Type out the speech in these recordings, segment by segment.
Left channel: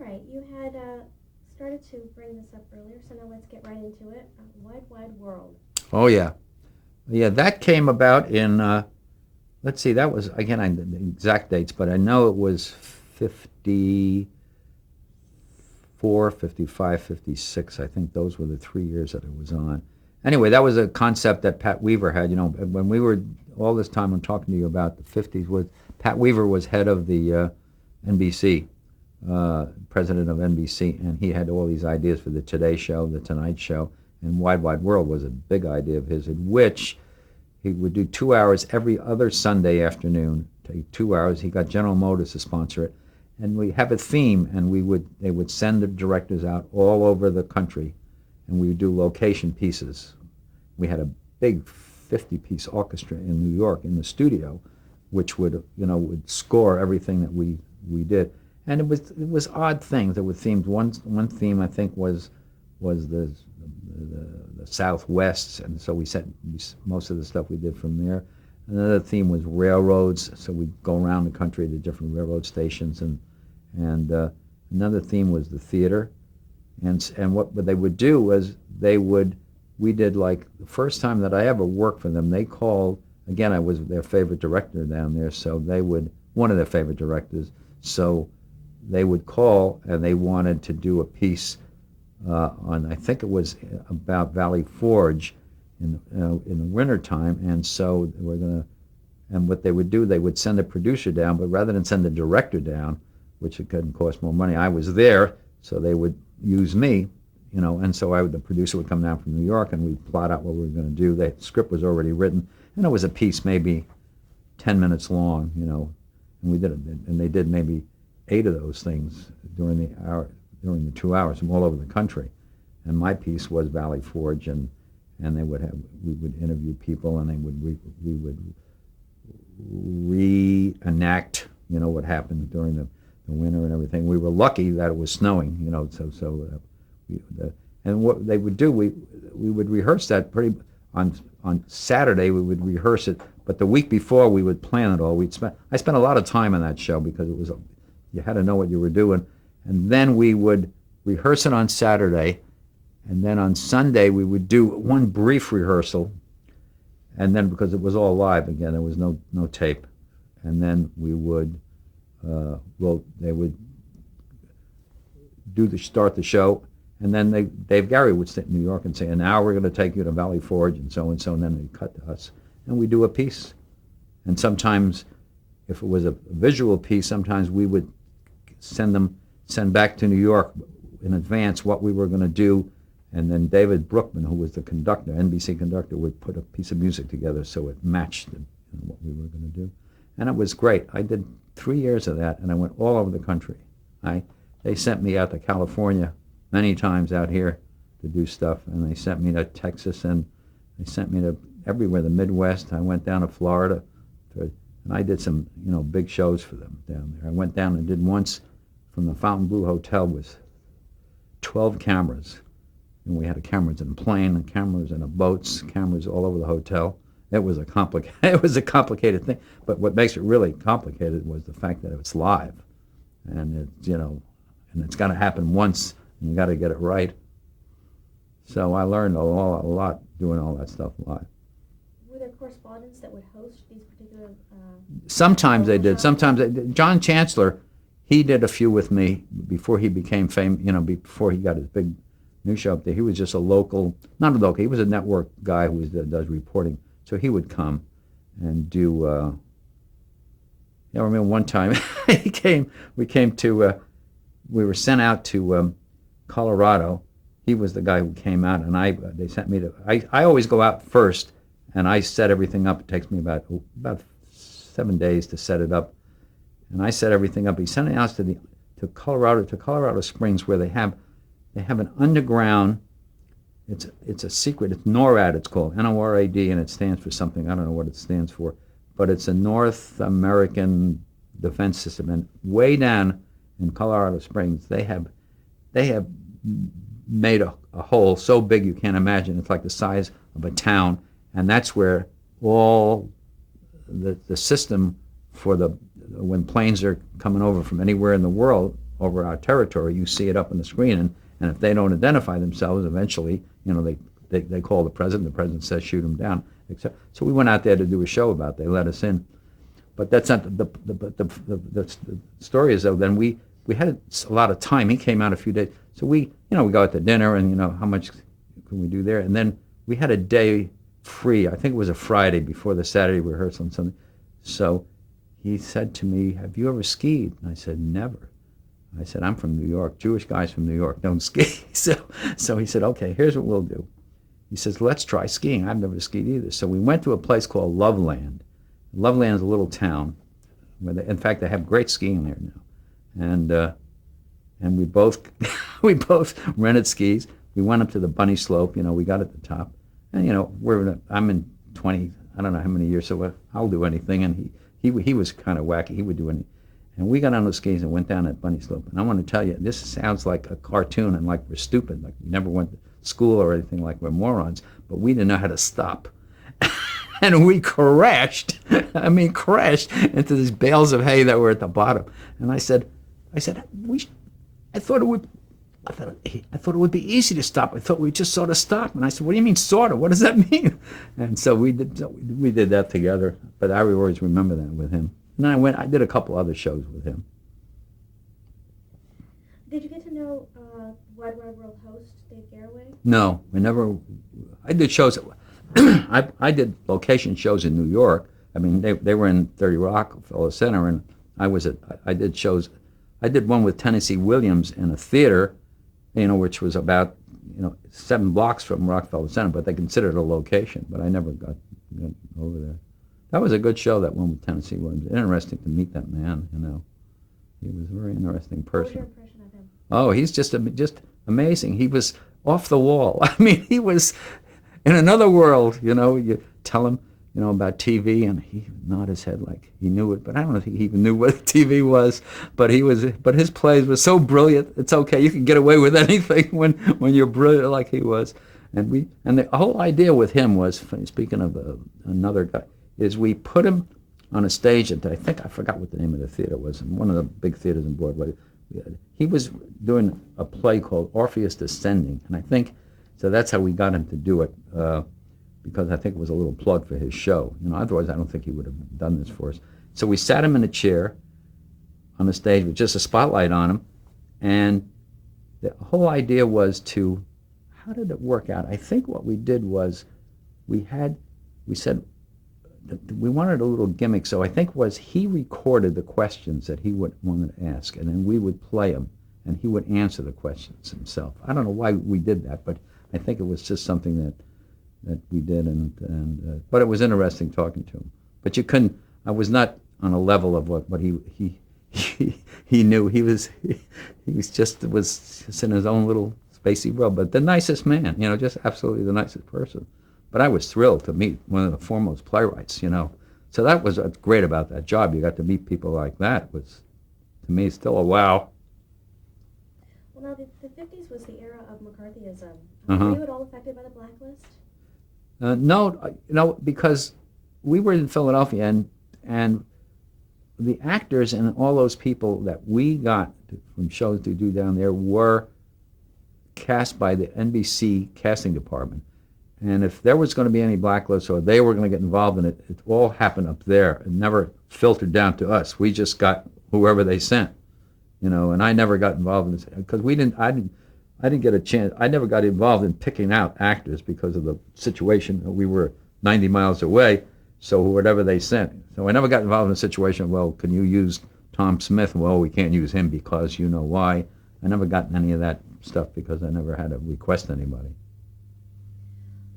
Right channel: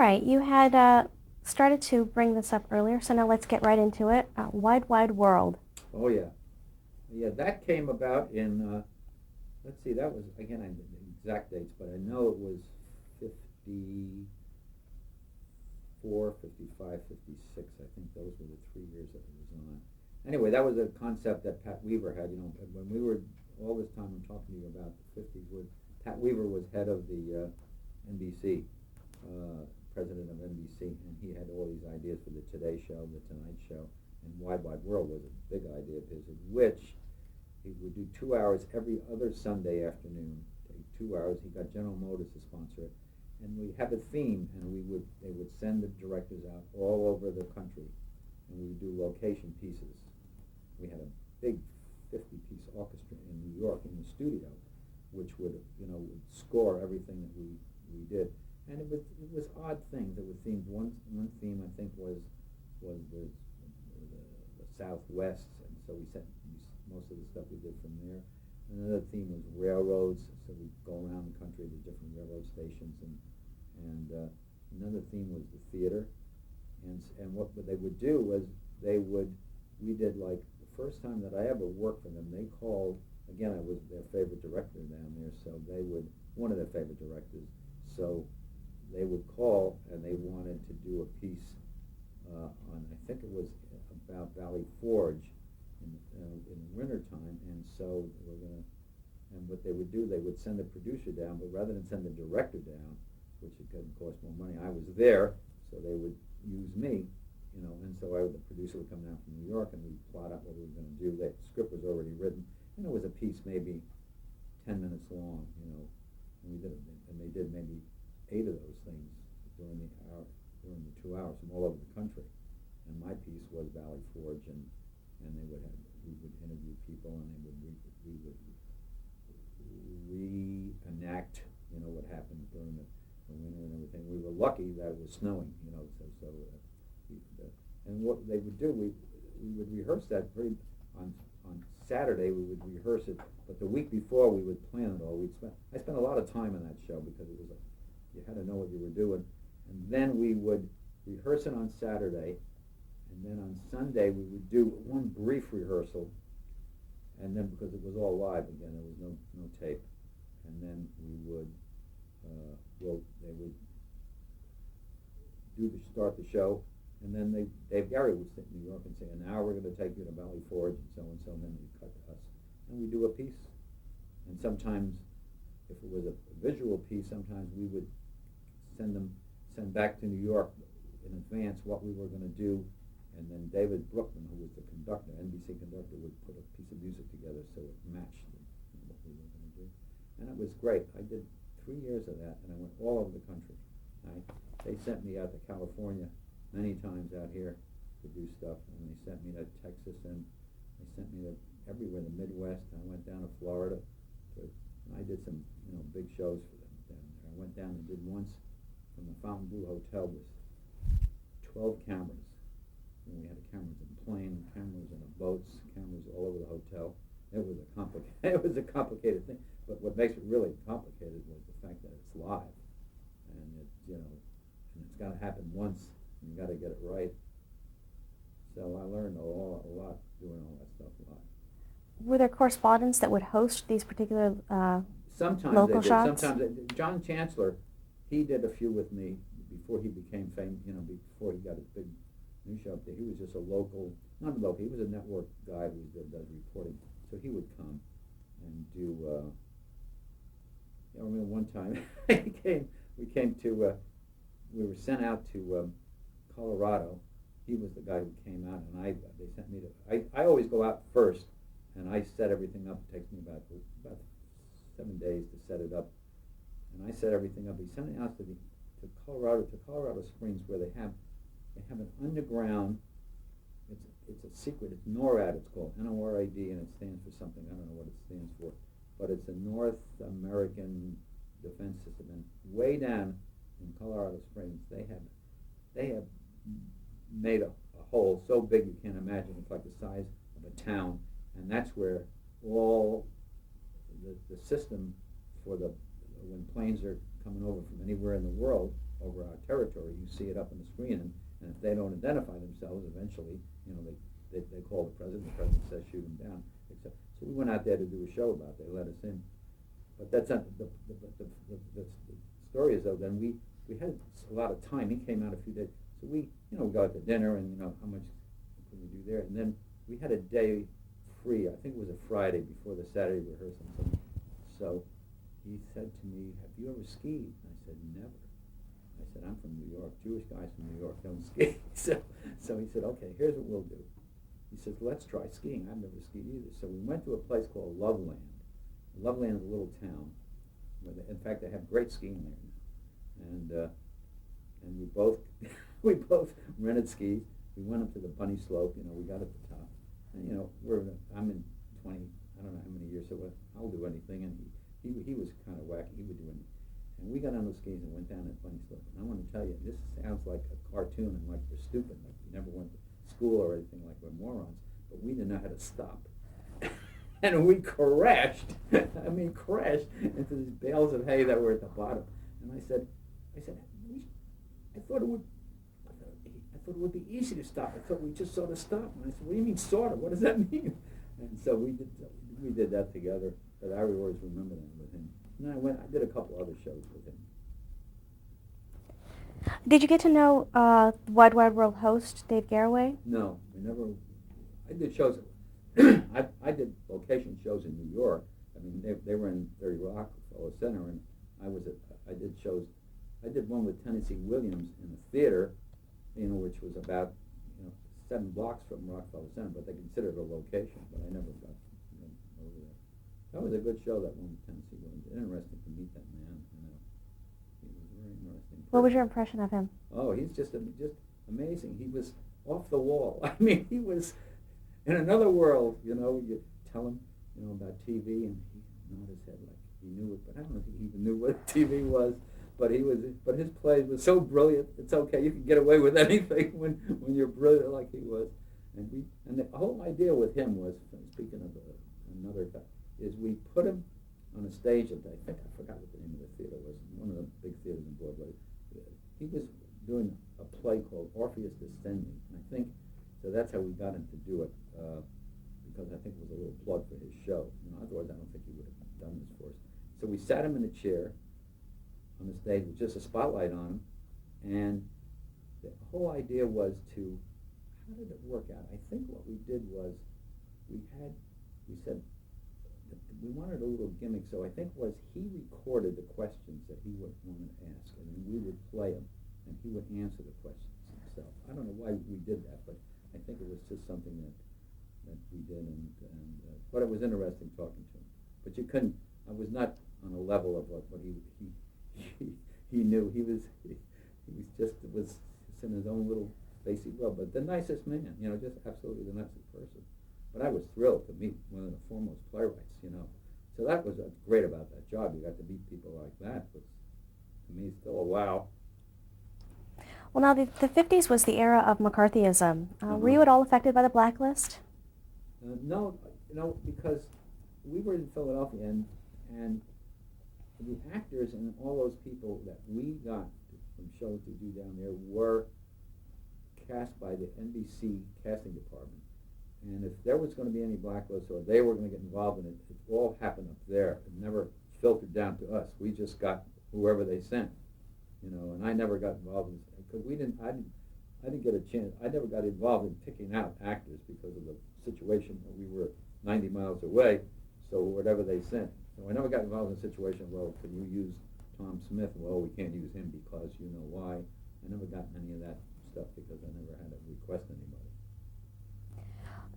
right, you had started to bring this up earlier, so now let's get right into it. Wide, wide world. Oh yeah, yeah. That came about in. Let's see. That was again. I the exact dates, but I know it was 54, 55, 56. I think those were the 3 years that it was on. Anyway, that was a concept that Pat Weaver had. When we were all this time I'm talking to you about the 50s, was Pat Weaver was head of the NBC, president of NBC, and he had all these ideas for the Today Show, the Tonight Show, and Wide Wide World was a big idea of his, in which he would do 2 hours every other Sunday afternoon. Take 2 hours. He got General Motors to sponsor it, and we have a theme, and they would send the directors out all over the country, and we would do location pieces. We had a big 50-piece orchestra in New York in the studio, which would score everything that we did, and it was odd things. There were themes. One theme I think was the Southwest, and so most of the stuff we did from there. Another theme was railroads, so we'd go around the country to different railroad stations, and another theme was the theater, and what they would do was we did, like, the first time that I ever worked for them, they called, again, I was their favorite director down there, so one of their favorite directors, so they would call and they wanted to do a piece on, I think it was about Valley Forge in the wintertime, and so and what they would do, they would send a producer down, but rather than send a director down, which it couldn't cost more money, I was there, so they would use me, and so the producer would come down from New York, and we'd plot out what we were going to do. The script was already written, and it was a piece maybe 10 minutes long, and we did it, and they did maybe 8 of those things during the 2 hours from all over the country. And my piece was Valley Forge, and we would interview people, and we would reenact what happened during the winter and everything. We were lucky that it was snowing, and what they would do, we would rehearse that on Saturday. We would rehearse it, but the week before we would plan it all. I spent a lot of time on that show because you had to know what you were doing, and then we would rehearse it on Saturday, and then on Sunday we would do one brief rehearsal, and then because it was all live again, there was no tape, and then we would they would start the show, and then Dave Gary would sit in New York and say, and now we're going to take you to Valley Forge and so, and then they'd cut to us, and we do a piece, and sometimes if it was a visual piece, sometimes we would send back to New York in advance what we were going to do, and then David Brookman, who was the conductor, NBC conductor, would put a piece of music together so it matched what we were going to do, and it was great. I did 3 years of that, and I went all over the country. They sent me out to California many times out here to do stuff, and they sent me to Texas, and they sent me to everywhere, the Midwest. I went down to Florida, and I did some big shows for them down there. I went down and did once from the Fontainebleau Hotel with 12 cameras, and we had cameras in a plane, and cameras in a boats, cameras all over the hotel. It was a complicated thing, but what makes it really complicated was the fact that it's live, and it's got to happen once, and you got to get it right. So I learned a lot doing all that stuff live. Were there correspondents that would host these particular Sometimes they local did. shots? John Chancellor, he did a few with me before he became famous. Before he got his big news show up there, he was just a local, not a local. He was a network guy who does reporting. So he would come and do. I remember one time we were sent out to Colorado. He was the guy who came out, and they sent me to. I always go out first, and I set everything up. It takes me about 7 days to set it up, and I set everything up. He sent us to Colorado Springs, where they have an underground. It's a secret. It's NORAD. It's called NORAD, and it stands for something. I don't know what it stands for, but it's a North American defense system. And way down in Colorado Springs, they have made a hole so big you can't imagine. It's like the size of a town, and that's where all the system for when planes are coming over from anywhere in the world, over our territory, you see it up on the screen, and if they don't identify themselves, eventually, they call the president says shoot them down. So we went out there to do a show about it. They let us in. But that's not the story is, though, then we had a lot of time. He came out a few days. So we go out to dinner and, how much can we do there? And then we had a day free. I think it was a Friday before the Saturday rehearsal and something. So he said to me, "Have you ever skied?" And I said, "Never." I said, "I'm from New York. Jewish guys from New York don't ski." So he said, "Okay, here's what we'll do." He says, "Let's try skiing. I've never skied either." So we went to a place called Loveland. Loveland is a little town where in fact, they have great skiing there now. And we both we both rented skis. We went up to the bunny slope. We got at the top, and I'm in 20. I don't know how many years, so I'll do anything. And he was kind of wacky. He would do anything. And we got on those skis and went down that bunny slope. And I want to tell you, this sounds like a cartoon and like we're stupid, like we never went to school or anything, like we're morons. But we didn't know how to stop. And we crashed into these bales of hay that were at the bottom. And I said, I thought it would be easy to stop. I thought we'd just sort of stop. And I said, "What do you mean sort of? What does that mean?" And so we did that together. But I always remember that with him. And then I did a couple other shows with him. Did you get to know Wide Wide World host Dave Garroway? No, I did shows. I did location shows in New York. I mean, they were in 30 Rockefeller Center, and I did shows. I did one with Tennessee Williams in a theater, which was about 7 blocks from Rockefeller Center, but they considered it a location. But I never got over there. That was a good show, that one with Tennessee Williams. Interesting to meet that man. He was a very interesting person. What was your impression of him? Oh, he's just amazing. He was off the wall. I mean, he was in another world. You tell him, about TV, and he would nod his head like he knew it. But I don't know if he even knew what TV was. But his plays were so brilliant. It's okay. You can get away with anything when you're brilliant like he was. And the whole idea with him was, speaking of another guy, is we put him on a stage at, I forgot what the name of the theater was, one of the big theaters in Broadway. He was doing a play called Orpheus Descending, and I think, so that's how we got him to do it, because I think it was a little plug for his show. Otherwise I don't think he would have done this for us. So we sat him in a chair on the stage with just a spotlight on him, and the whole idea was how did it work out? I think what we did was we said, we wanted a little gimmick, so I think he recorded the questions that he wanted to ask, and then we would play them, and he would answer the questions himself. I don't know why we did that, but I think it was just something that we did, but it was interesting talking to him. But I was not on a level of what he knew. He was just in his own little spacey world, but the nicest man, just absolutely the nicest person. But I was thrilled to meet one of the foremost playwrights, So that was what's great about that job. You got to meet people like that. It was, to me, still a wow. Well, now the 50s was the era of McCarthyism. Were you at all affected by the blacklist? No, because we were in Philadelphia, and the actors and all those people that we got from shows to do down there were cast by the NBC casting department. And if there was going to be any blacklist or they were going to get involved in it, it all happened up there. It never filtered down to us. We just got whoever they sent, and I never got involved in this because I didn't get a chance. I never got involved in picking out actors because of the situation. We were 90 miles away, so whatever they sent. So I never got involved in a situation, well, can you use Tom Smith? Well, we can't use him because you know why. I never got any of that stuff because I never had to request anybody.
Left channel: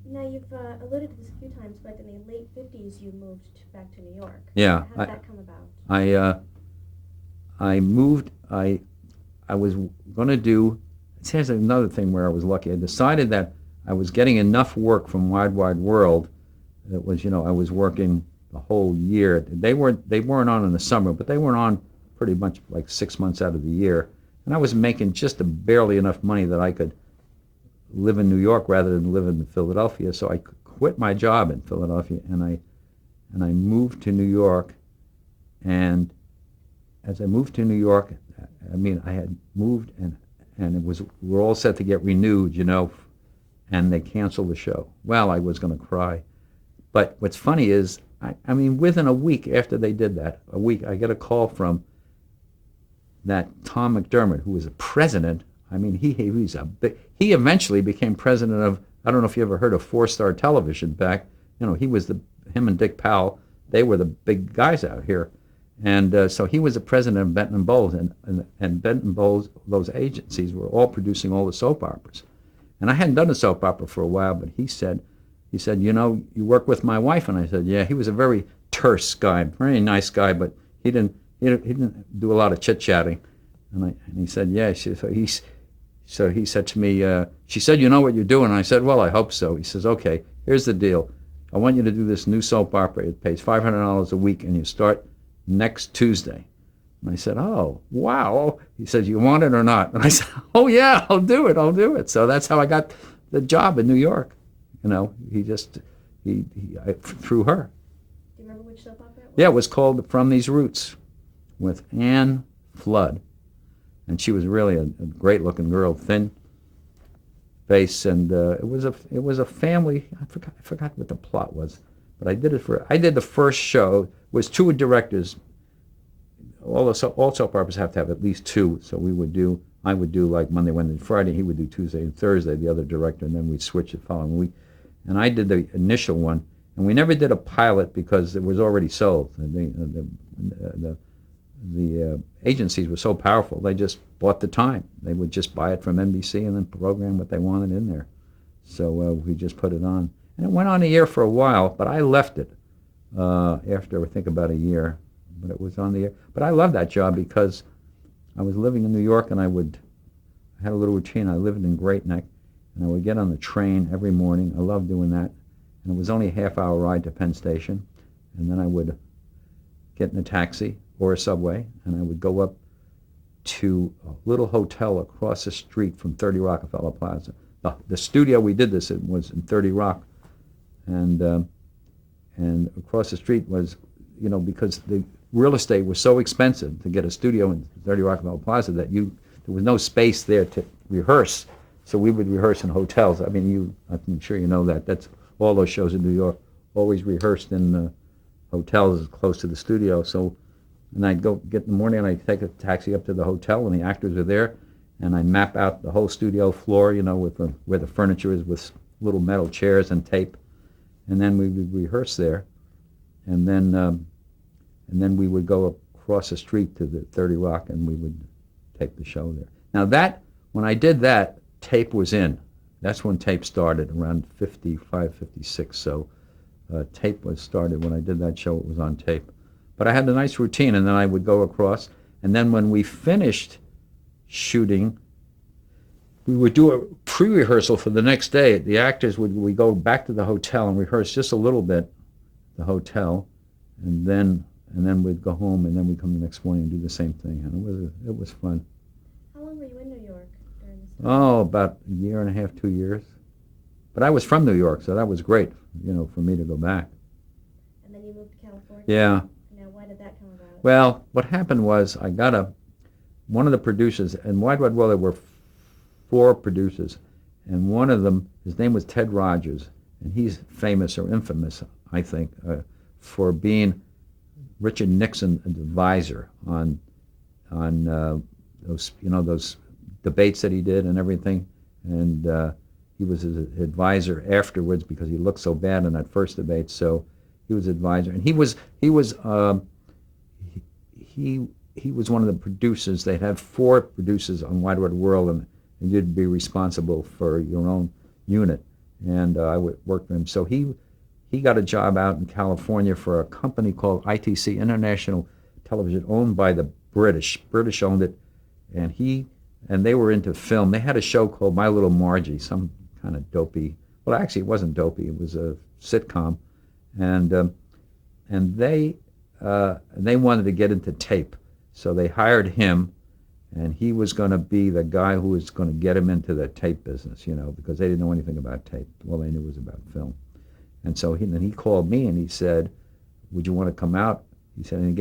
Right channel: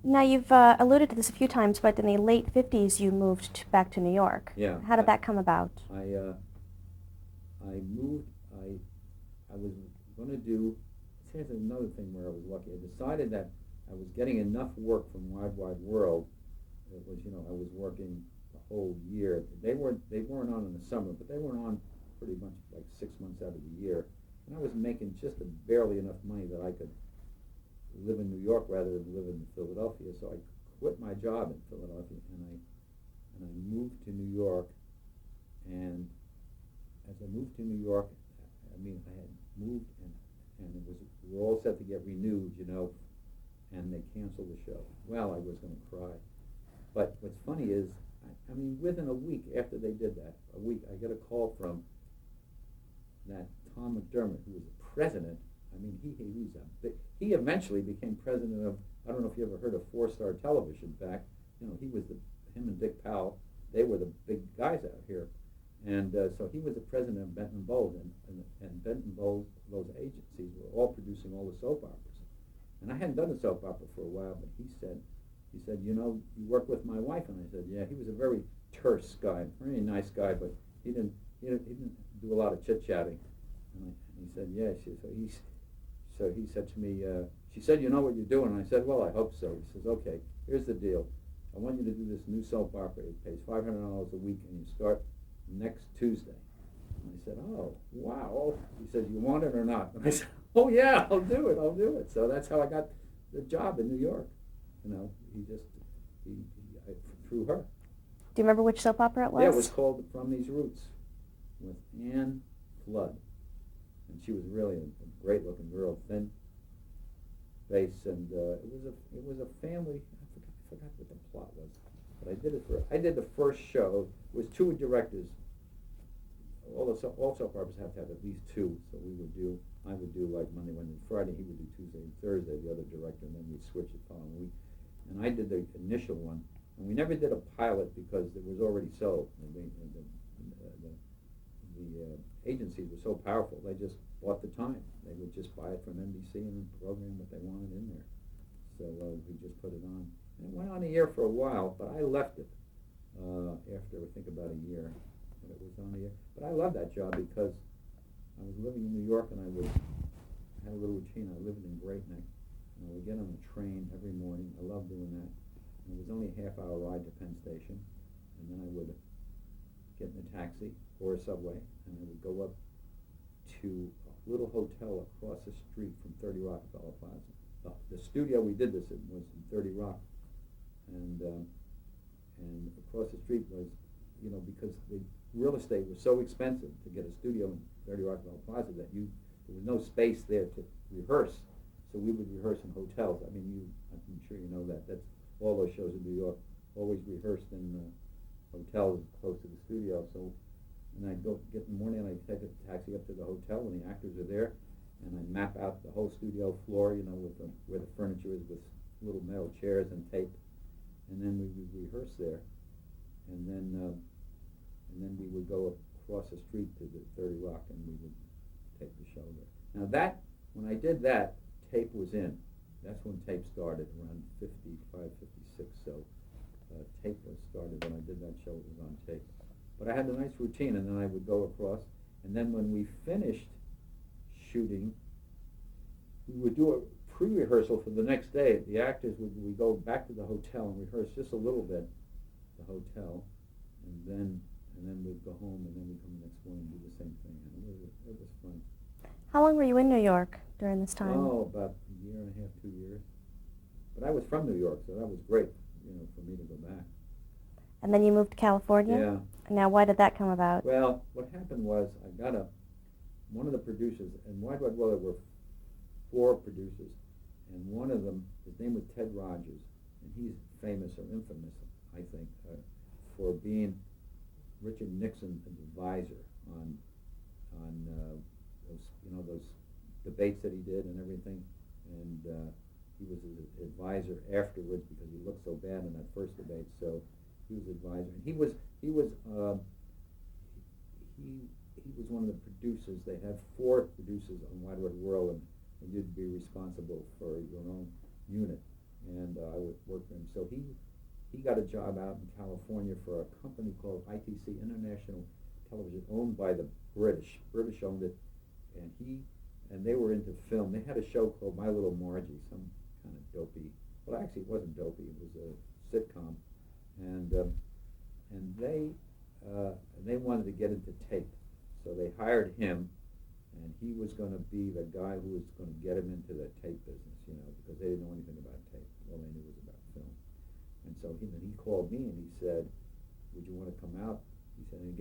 Now, you've alluded to this a few times, but in the late 50s, you moved back to New York. Yeah. How did that come about? I moved, I was going to do, here's another thing where I was lucky. I decided that I was getting enough work from Wide Wide World. That was, I was working the whole year. They weren't on in the summer, but they weren't on pretty much like 6 months out of the year. And I was making just barely enough money that I could live in New York rather than live in Philadelphia. So I quit my job in Philadelphia and I moved to New York. And as I moved to New York, I mean, I had moved and it was we're all set to get renewed, and they canceled the show. Well, I was going to cry. But what's funny is, I mean, within a week after they did that, a week, I get a call from that Tom McDermott, who was a president. I mean, he eventually became president of, I don't know if you ever heard of Four Star Television back. He was him and Dick Powell, they were the big guys out here. And so he was the president of Benton and Bowles, and Benton and Bowles, those agencies were all producing all the soap operas. And I hadn't done a soap opera for a while, but he said, you work with my wife? And I said, yeah. He was a very terse guy, very nice guy, but he didn't do a lot of chit-chatting. And he said, yeah. So he said to me, she said, you know what you're doing? And I said, well, I hope so. He says, okay, here's the deal. I want you to do this new soap opera. It pays $500 a week, and you start next Tuesday. And I said, oh, wow. He says, you want it or not? And I said, oh, yeah, I'll do it. So that's how I got the job in New York. Through her. Do you remember which soap opera it was? Yeah, it was called From These Roots with Anne Flood. And she was really a great-looking girl, thin face, and it was a family. I forgot what the plot was, but I did the first show. It was two directors. All soap operas have to have at least two, so I would do like Monday, Wednesday, Friday. He would do Tuesday and Thursday, the other director, and then we'd switch the following week. And I did the initial one, and we never did a pilot because it was already sold. The agencies were so powerful, they just bought the time. They would just buy it from NBC and then program what they wanted in there. So we just put it on. And it went on a year for a while, but I left it after, I think, about a year. But it was on the air. But I loved that job because I was living in New York, and I had a little routine. I lived in Great Neck, and I would get on the train every morning. I loved doing that. And it was only a half-hour ride to Penn Station. And then I would get in a taxi or a subway, and I would go up to a little hotel across the street from 30 Rockefeller Plaza. The studio we did this in was in 30 Rock, and across the street was, because the real estate was so expensive to get a studio in 30 Rockefeller Plaza that there was no space there to rehearse. So we would rehearse in hotels. I mean, I'm sure you know that. That's all those shows in New York always rehearsed in hotels close to the studio. So, and I'd go get in the morning, and I'd take a taxi up to the hotel, and the actors are there, and I map out the whole studio floor, where the furniture is, with little metal chairs and tape, and then we would rehearse there, and then we would go across the street to the 30 Rock, and we would tape the show there. Now when I did that, tape was in. That's when tape started, around 55, 56. So tape was started when I did that show. It was on tape. But I had a nice routine, and then I would go across. And then when we finished shooting, we would do a pre-rehearsal for the next day. The actors we go back to the hotel and rehearse just a little bit, the hotel, and then we'd go home, and then we'd come the next morning and do the same thing. And it was fun. How long were you in New York during this time? Oh, about a year and a half, 2 years. But I was from New York, so that was great, for me to go back. And then you moved to California? Yeah. Now, why did that come about? Well, what happened was I got one of the producers, and Wide Wide World, there were 4 producers, and one of them, his name was Ted Rogers, and he's famous or infamous, I think, for being Richard Nixon's advisor on those debates that he did and everything, and he was his advisor afterwards because he looked so bad in that first debate. So he was advisor, and he was one of the producers. They had 4 producers on Wide Wide World, and you'd be responsible for your own unit. And I would work with him. So he got a job out in California for a company called ITC, International Television, owned by the British. British owned it, and they were into film. They had a show called My Little Margie, some kind of dopey. Well, actually, it wasn't dopey. It was a sitcom, and they wanted to get into tape, so they hired him, and he was going to be the guy who was going to get him into the tape business, because they didn't know anything about tape. All they knew was about film. And so he called me, and he said, "Would you want to come out?" He said, and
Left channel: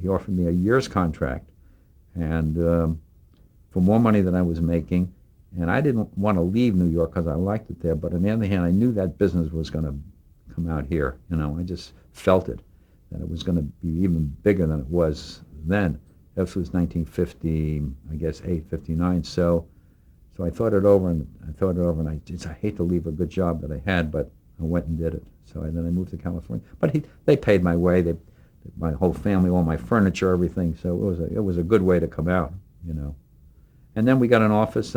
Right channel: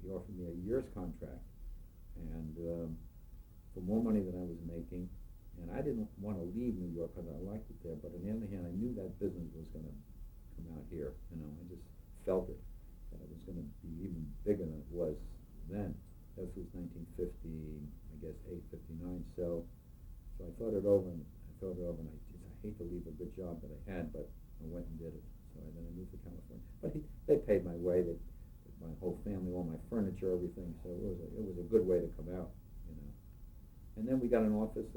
he offered me a year's contract, and for more money than I was making. And I didn't want to leave New York because I liked it there. But on the other hand, I knew that business was going to come out here. I just felt it, that it was going to be even bigger than it was then. This was 1950, I guess, 59. So I thought it over, and I hate to leave a good job that I had, but I went and did it. Then I moved to California. But they paid my way. My whole family, all my furniture, everything. So it was a good way to come out. And then we got an office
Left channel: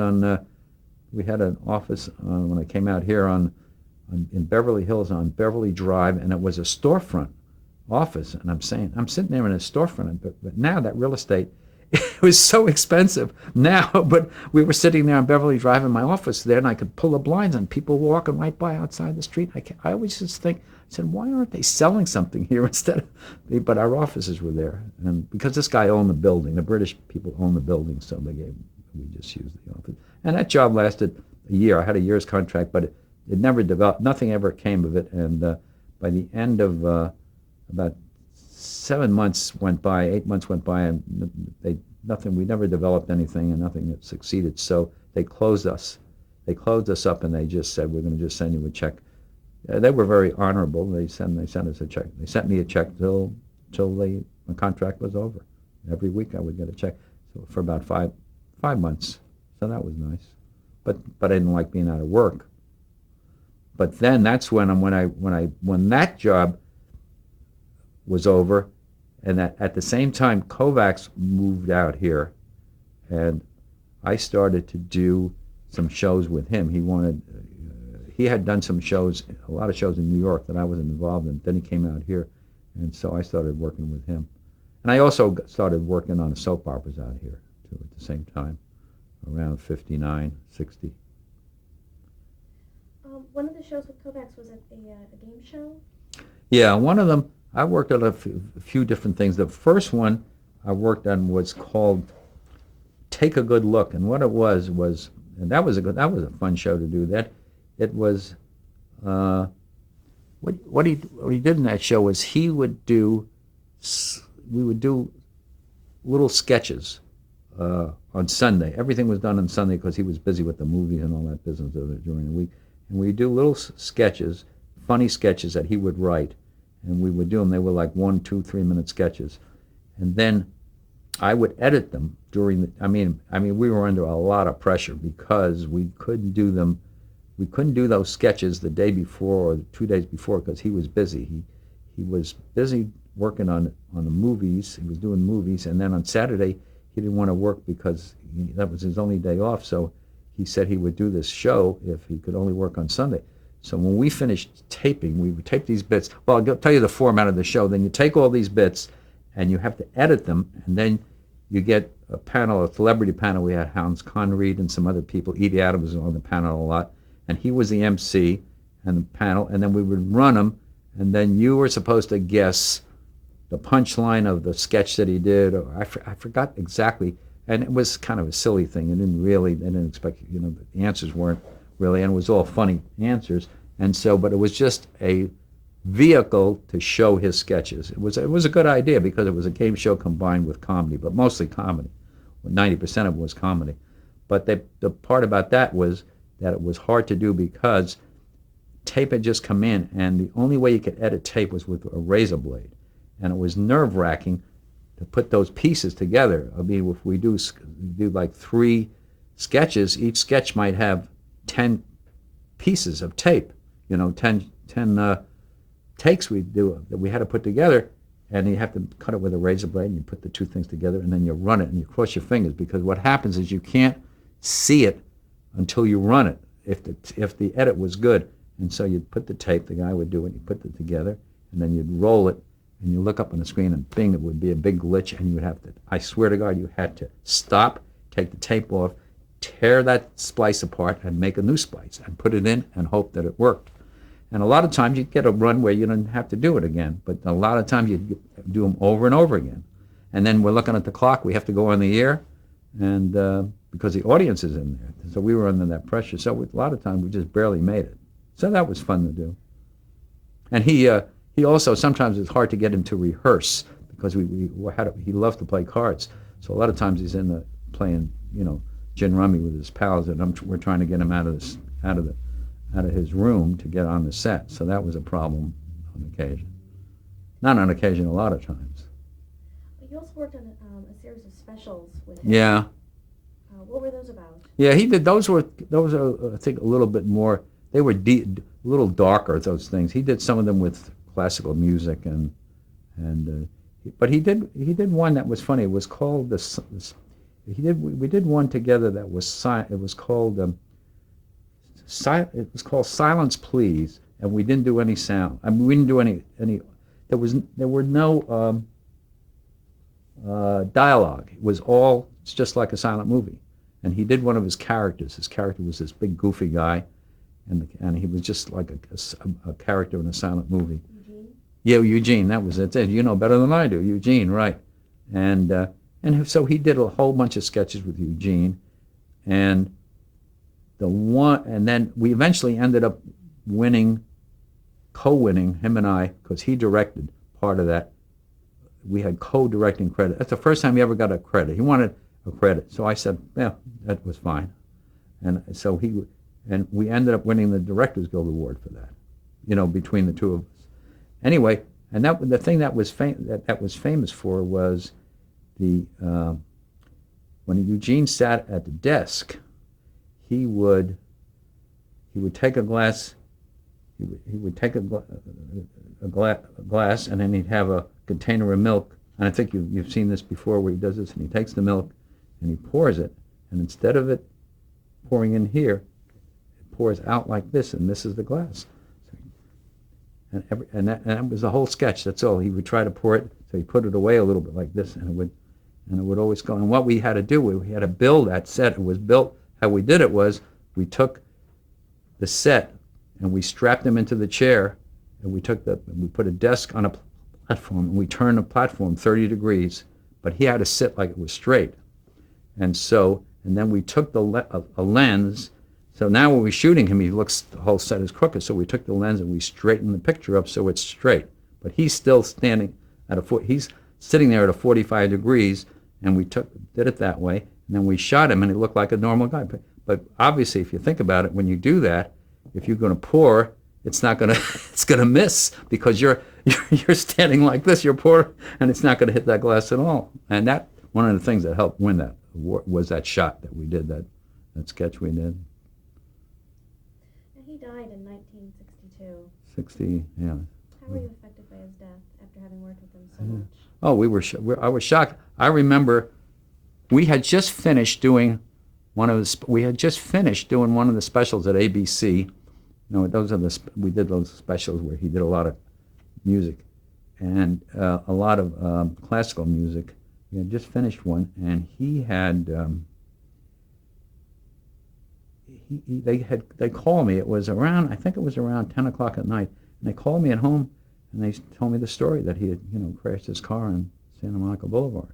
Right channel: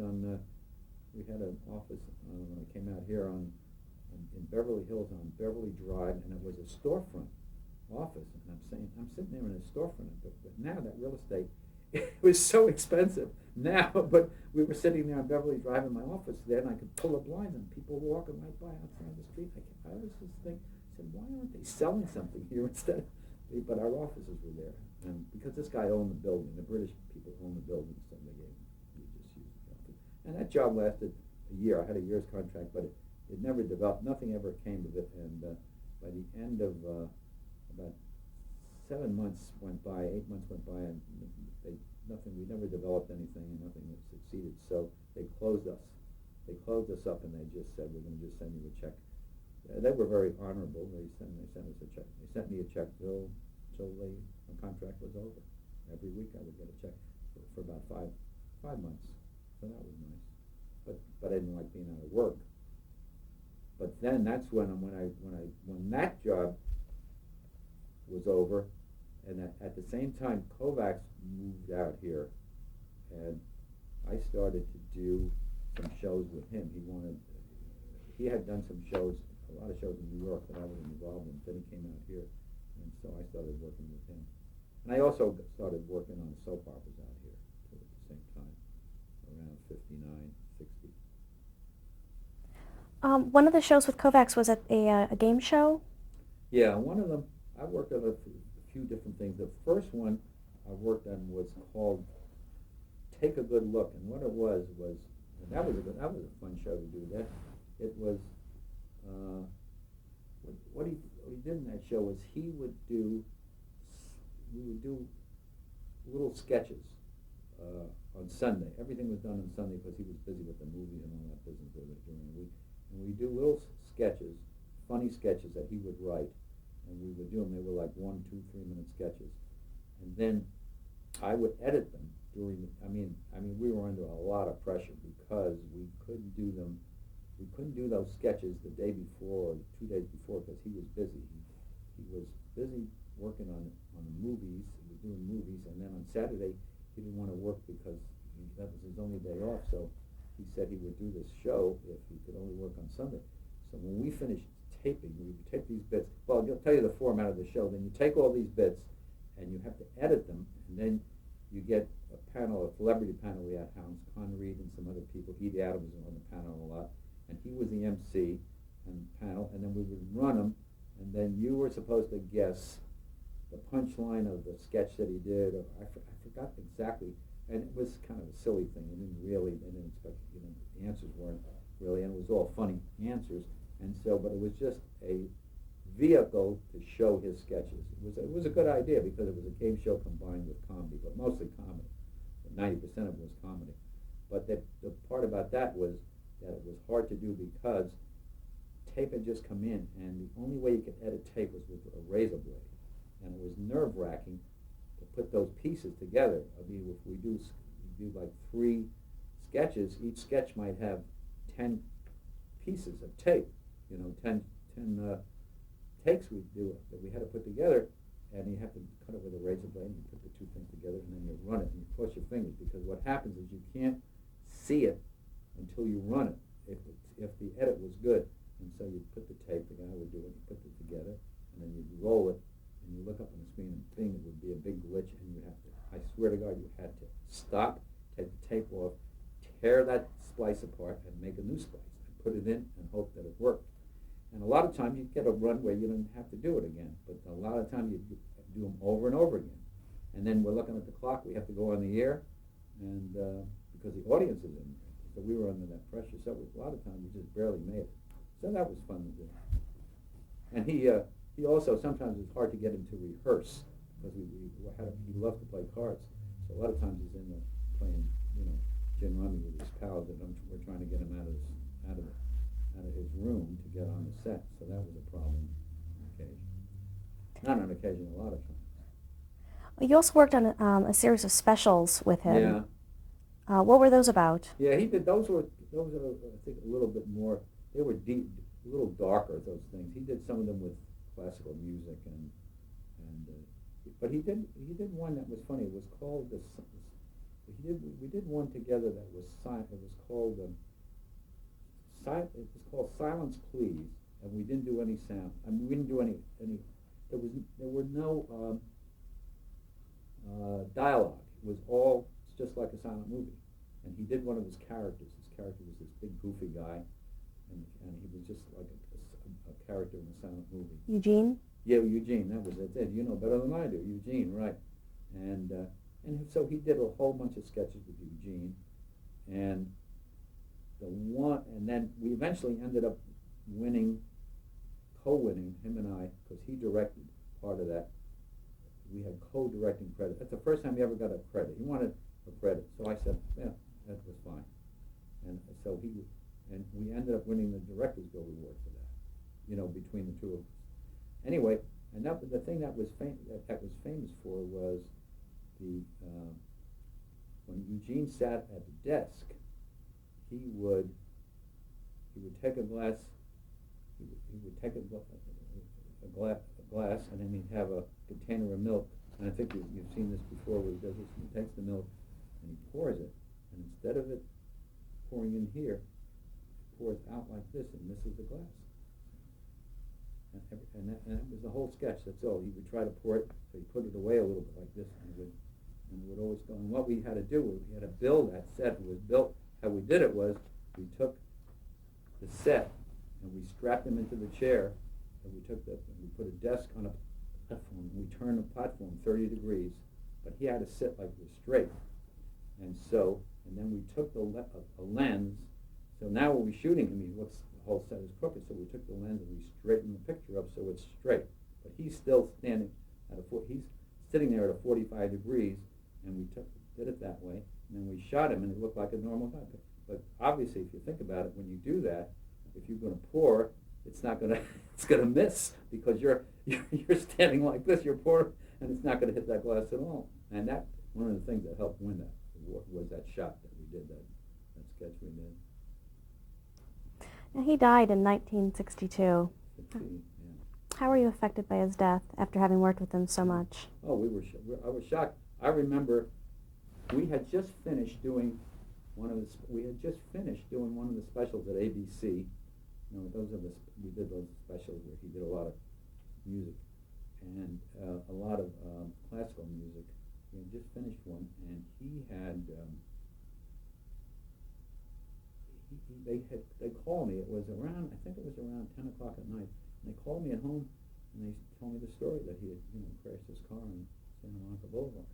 we had an office when I came out here in Beverly Hills on Beverly Drive, and it was a storefront office. And I'm sitting there in a storefront, but now that real estate, it was so expensive now. But we were sitting there on Beverly Drive in my office there, and I could pull the blinds, and people walking right by outside the street. I always just I said, why aren't they selling something here instead of? But our offices were there, and because this guy owned the building, the British people owned the building, so we just used the office. And that job lasted a year. I had a year's contract, but it never developed. Nothing ever came of it. And by the end of about 7 months went by, 8 months went by, and we never developed anything, and nothing that succeeded. So they closed us. They closed us up, and they just said, we're going to just send you a check. They were very honorable. They sent us a check. They sent me a check till my contract was over. Every week I would get a check for about five months. So that was nice. But I didn't like being out of work. But then that's when that job was over, and that at the same time Kovacs moved out here, and I started to do some shows with him. He had done a lot of shows in New York that I wasn't involved in. Then he came out here, and so I started working with him. And I also started working on soap operas out here too at the same time, around 59, 60. One of the shows with Kovacs was a game show? Yeah, one of them, I worked on a few different things. The first one I worked on was called Take a Good Look. And what it was, and that was a fun show to do. It was, what he did in that show was we would do little sketches on Sunday. Everything was done on Sunday because he was busy with the movies and all that business during the week. And we'd do little sketches, funny sketches that he would write, and we would do them. They were like 1, 2, 3 minute sketches, and then I would edit them during the. I mean, we were under a lot of pressure because we couldn't do them. We couldn't do those sketches the day before or 2 days before because he was busy. He was busy working on the movies. He was doing movies, and then on Saturday he didn't want to work because that was his only day off. So he said he would do this show if he could only work on Sunday. So when we finished taping, we would tape these bits. Well, I'll tell you the format of the show. Then you take all these bits, and you have to edit them, and then you get a celebrity panel. We had Hans Conried and some other people. Edie Adams was on the panel a lot, and he was the MC and the panel, and then we would run them, and then you were supposed to guess the punchline of the sketch that he did. Or I forgot exactly. And it was kind of a silly thing. They didn't expect, the answers weren't really, and it was all funny answers. And so, but it was just a vehicle to show his sketches. It was a good idea because it was a game show combined with comedy, but mostly comedy. 90% of it was comedy. But the part about that was that it was hard to do because tape had just come in, and the only way you could edit tape was with a razor blade. And it was nerve-wracking to put those pieces together. I mean, if we do like 3 sketches, each sketch might have 10 pieces of tape, 10 takes that we had to put together, and you have to cut it with a razor blade, and you put the 2 things together, and then you run it, and you cross your fingers, because what happens is you can't see it until you run it, if the edit was good. And so you'd put the tape, the guy would do it, you put it together, and then you'd roll it, and you look up on the screen, and bing, it would be a big glitch, and you would have to, I swear to God, you had to stop, take the tape off, tear that splice apart, and make a new splice, and put it in, and hope that it worked. And a lot of times you'd get a run where you didn't have to do it again, but a lot of times you'd do them over and over again. And then we're looking at the clock, we have to go on the air, and because the audience is in there. So we were under that pressure. So a lot of times we just barely made it. So that was fun to do. And he also, sometimes it's hard to get him to rehearse because he loved to play cards. So a lot of times he's in the playing, gin rummy with his pals, and we're trying to get him out of his room to get on the set. So that was a problem on occasion. Not on occasion, a lot of times. You also worked on a series of specials with him. Yeah. What were those about? Yeah, he did. Those are, I think, a little bit more. They were a little darker. Those things. He did some of them with classical music, but he did one that was funny. It was called we did one together that was it was called it was called Silence Please, and we didn't do any sound. I mean, we didn't do any. There were no dialogue. It's just like a silent movie. And he did one of his characters. His character was this big goofy guy, and he was just like a character in a silent movie. Eugene? Yeah, Eugene. That was it. You know better than I do, Eugene, right? And so he did a whole bunch of sketches with Eugene, and then we eventually ended up co-winning, him and I, because he directed part of that. We had co-directing credit. That's the first time he ever got a credit. He wanted a credit, so I said, yeah, that was fine. And so we ended up winning the Directors Guild Award for that, between the two of us. Anyway, and the thing that was famous for was when Eugene sat at the desk, he would take a glass. He would take a glass, and then he'd have a container of milk. And I think you've seen this before, where he does this, and he takes the milk and he pours it, and instead of it pouring in here, it pours out like this, and this is the glass. And that was the whole sketch. That's all. He would try to pour it, so he put it away a little bit like this, and it would always go. And what we had to do, we had to build that set. It was built. How we did it was we took the set and we strapped him into the chair, and we put a desk on a platform, and we turned the platform 30 degrees, but he had to sit like it was straight. And then we took a lens. So now when we're shooting him, the whole set is crooked. So we took the lens and we straightened the picture up so it's straight. But he's still standing he's sitting there at a 45 degrees, and we did it that way. And then we shot him, and he looked like a normal guy. But obviously, if you think about it, when you do that, if you're going to pour, it's going to miss, because you're standing like this, you're pouring, and it's not going to hit that glass at all. And that one of the things that helped win that award was that shot that we did, that sketch we did. And he died in 1962. 60, yeah. How were you affected by his death after having worked with him so much? Oh, I was shocked. I remember we had just finished doing one of the specials at ABC. We did those specials where he did a lot of music and a lot of classical music. We had just finished one, and he had they called me. I think it was around 10 o'clock at night, and they called me at home, and they told me the story that he had crashed his car on Santa Monica Boulevard.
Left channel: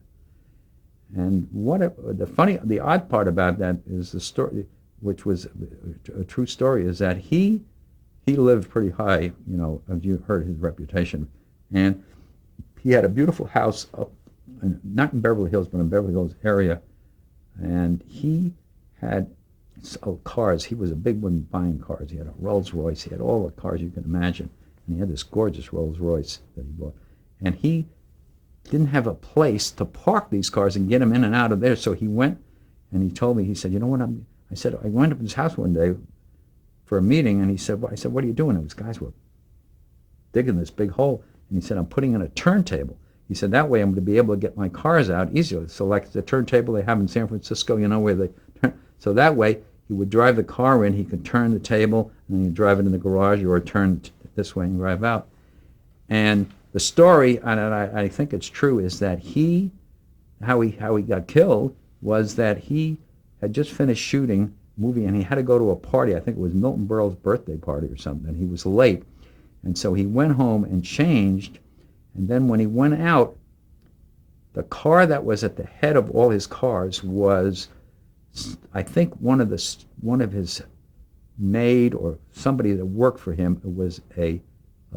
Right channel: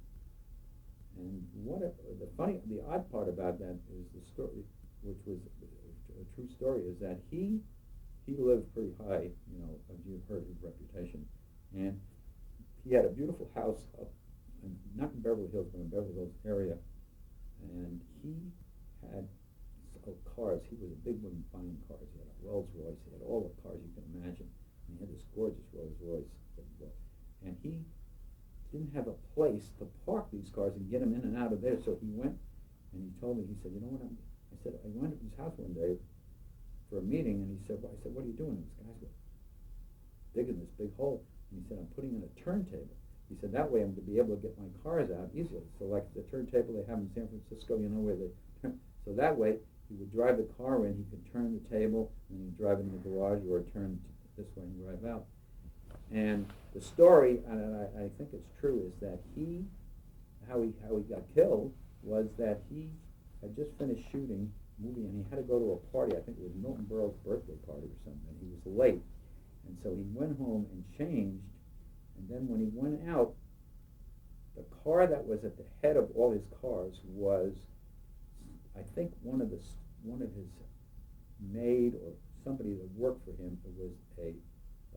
And the odd part about that is the story, which was a true story, is that he lived pretty high, as you heard his reputation, and he had a beautiful house up, not in Beverly Hills, but in Beverly Hills area, and he had cars. He was a big one buying cars. He had a Rolls Royce. He had all the cars you can imagine, and he had this gorgeous Rolls Royce that he bought, and he didn't have a place to park these cars and get them in and out of there. So he went, and he told me, he said, you know what, I said, I went up to his house one day for a meeting, and I said, what are you doing? And these guys were digging this big hole, and he said, I'm putting in a turntable. He said, that way I'm going to be able to get my cars out easier. So like the turntable they have in San Francisco, where they turn. So that way he would drive the car in, he could turn the table, and then he'd drive it in the garage, or turn this way and drive out. And the story, and I think it's true, is that how he got killed was that he had just finished shooting a movie, and he had to go to a party. I think it was Milton Berle's birthday party or something, and he was late. And so he went home and changed, and then when he went out, the car that was at the head of all his cars was, I think, one of his maid or somebody that worked for him. It was a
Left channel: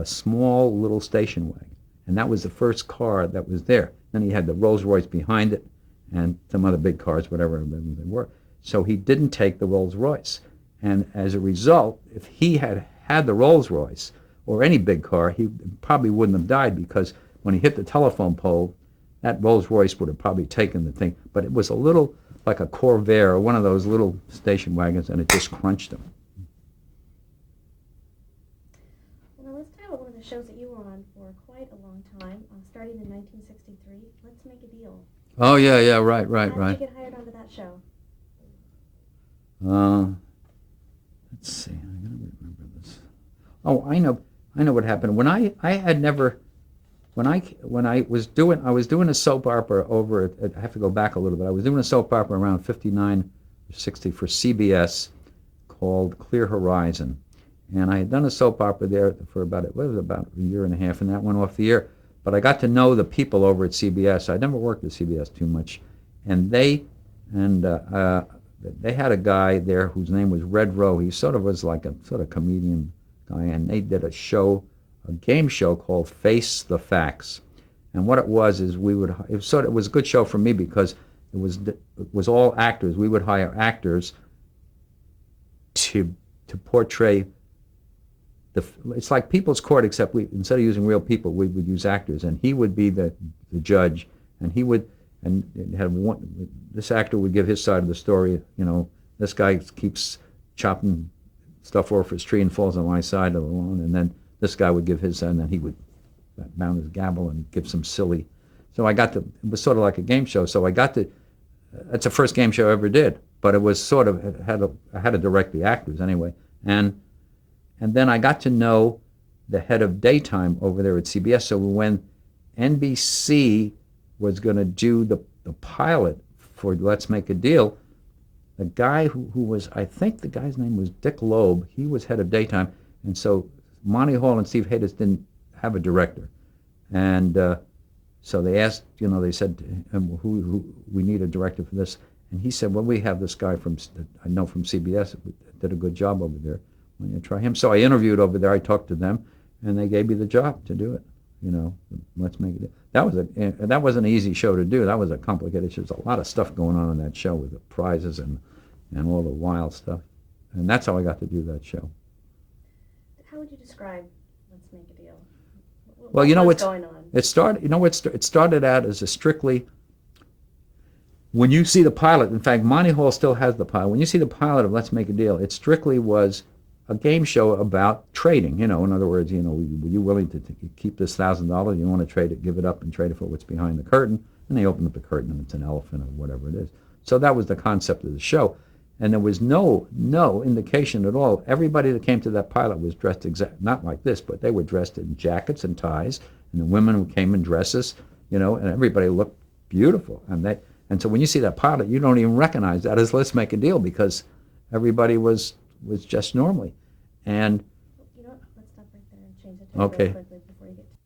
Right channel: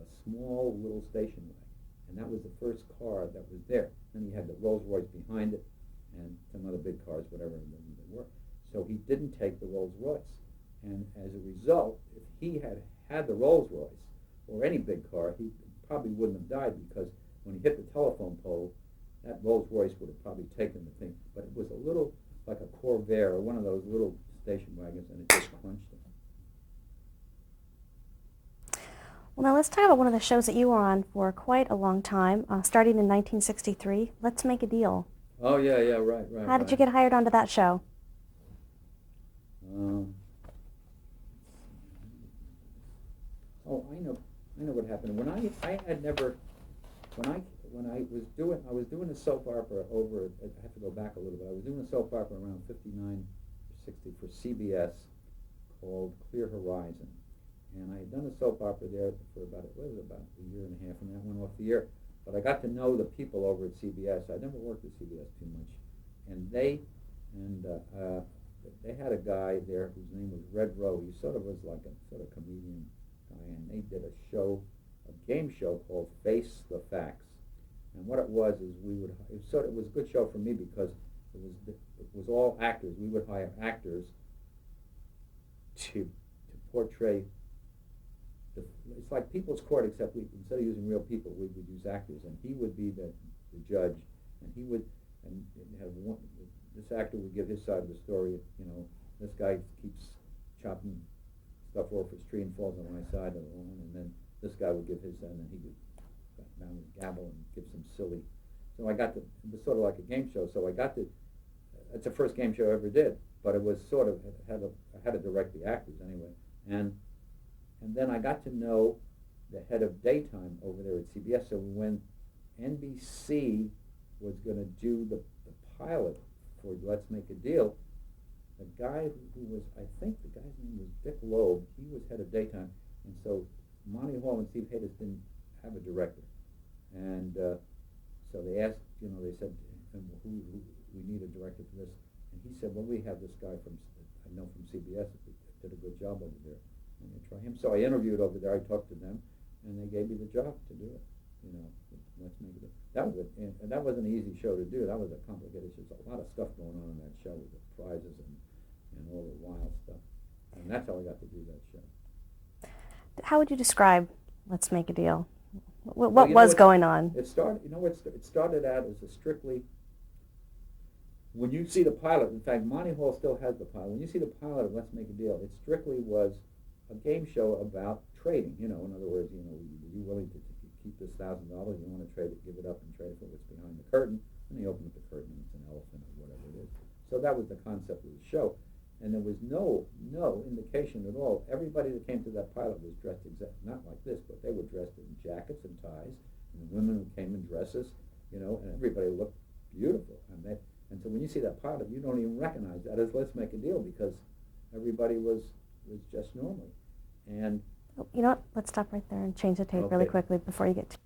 small little station wagon, and that was the first car that was there. Then he had the Rolls Royce behind it, and some other big cars, whatever they were. So he didn't take the Rolls Royce. And as a result, if he had had the Rolls Royce or any big car, he probably wouldn't have died, because when he hit the telephone pole, that Rolls Royce would have probably taken the thing. But it was a little like a Corvair or one of those little station wagons, and it just crunched him. Well, now let's talk about one of the shows that you were on for quite a long time, starting in 1963. Let's Make a Deal. Oh, yeah, right. How did you get hired onto that show? Let's see. I gotta remember this. Oh, I know what happened. When I had never, when I was doing a soap opera over at, I have to go back a little bit. I was doing a soap opera around 59 or 60 for CBS called Clear Horizon. And I had done a soap opera there for about a year and a half, and that went off the air. But I got to know the people over at CBS. I never worked at CBS too much, and they had a guy there whose name was Red Rowe. He sort of was like a sort of comedian guy, and they did a game show called Face the Facts. And what it was is it was a good show for me, because it was all actors. We would hire actors to portray. It's like People's Court, except instead of using real people, we would use actors, and he would be the judge, and he would this actor would give his side of the story. This guy keeps chopping stuff off his tree and falls on my side of the lawn, and then this guy would give his side, and then he would mount his gavel and give some silly. So it was sort of like a game show. So that's the first game show I ever did, but it was sort of, I had to direct the actors anyway, and then I got to know the head of daytime over there at CBS. So when NBC was going to do the pilot for Let's Make a Deal, the guy who was, I think the guy's name was Dick Loeb, he was head of daytime. And so Monty Hall and Steve Hayes didn't have a director. And so they asked, they said, who we need a director for this. And he said, well, we have this guy I know from CBS, did a good job over there. Why don't you try him? So I interviewed over there. I talked to them, and they gave me the job to do it. Let's Make it. That wasn't an easy show to do. That was a complicated show. There's a lot of stuff going on in that show with the prizes and all the wild stuff. And that's how I got to do that show. How would you describe Let's Make a Deal? What was going on? It started out as a strictly, when you see the pilot, in fact, Monty Hall still has the pilot. When you see the pilot of Let's Make a Deal, it strictly was a game show about trading. In other words, were you willing to keep this $1,000? You want to trade it, give it up, and trade it for what's behind the curtain? And they open up the curtain, and it's an elephant or whatever it is. So that was the concept of the show, and there was no indication at all. Everybody that came to that pilot was dressed not like this, but they were dressed in jackets and ties, and the women who came in dresses, and everybody looked beautiful. And so when you see that pilot, you don't even recognize that as Let's Make a Deal, because everybody was just normally. And You know what? Let's stop right there and change the tape Okay. really quickly before you get to